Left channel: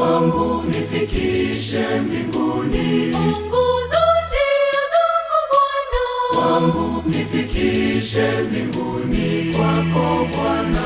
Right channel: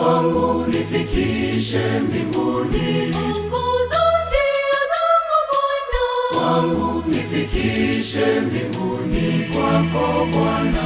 Kwangu nifikishe mbinguni. Ongoza njia zangu Bwana. Kwangu nifikishe mbinguni kwako Bwana.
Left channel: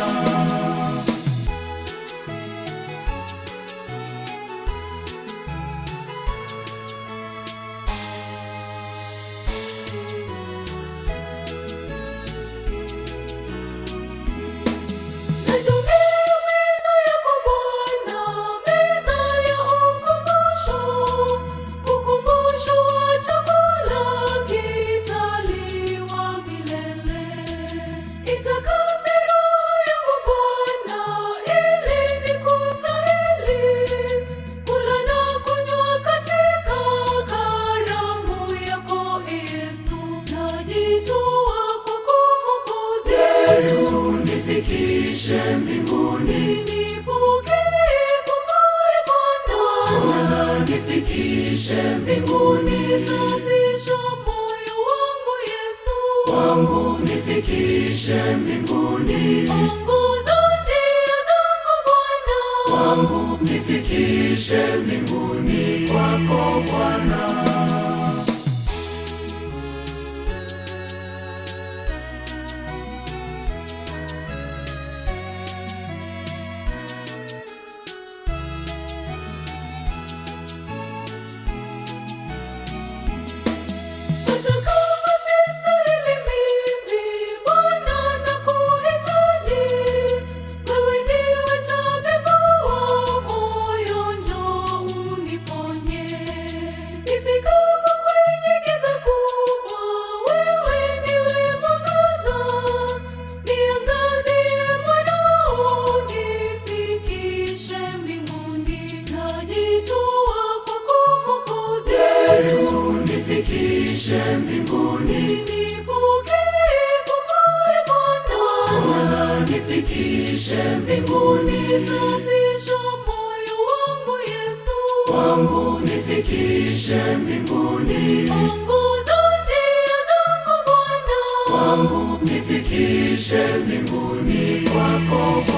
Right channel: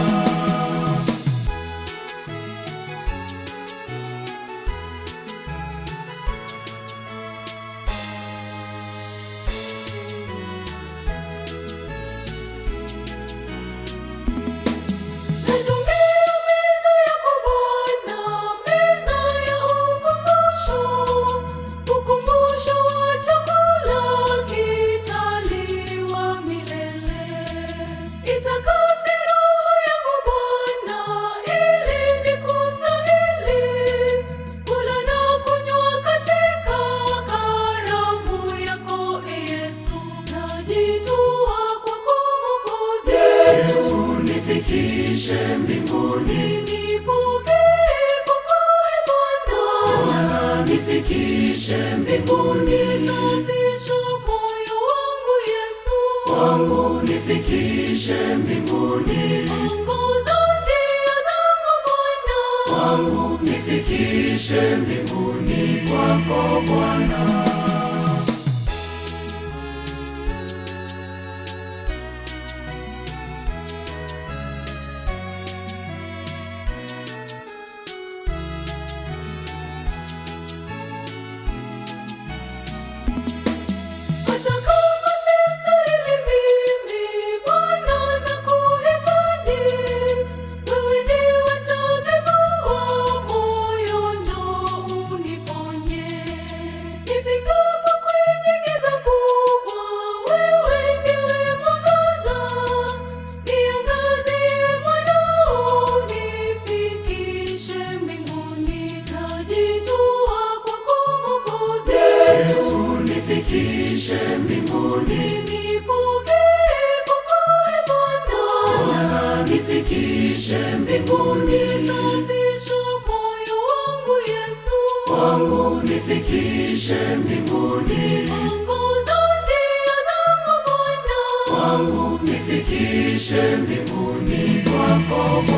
Yesu nifikishe mbinguni. Bwana nifikishe mbinguni. Safisha moyo wangu Yesu. Kwangu nifikishe mbinguni. Ongoza njia zangu Bwana. Kwangu nifikishe mbinguni kwako Bwana. Yesu nifikishe mbinguni. Bwana nifikishe mbinguni. Safisha moyo wangu Yesu. Kwangu nifikishe mbinguni. Ongoza njia zangu Bwana. Kwangu nifikishe mbinguni kwako.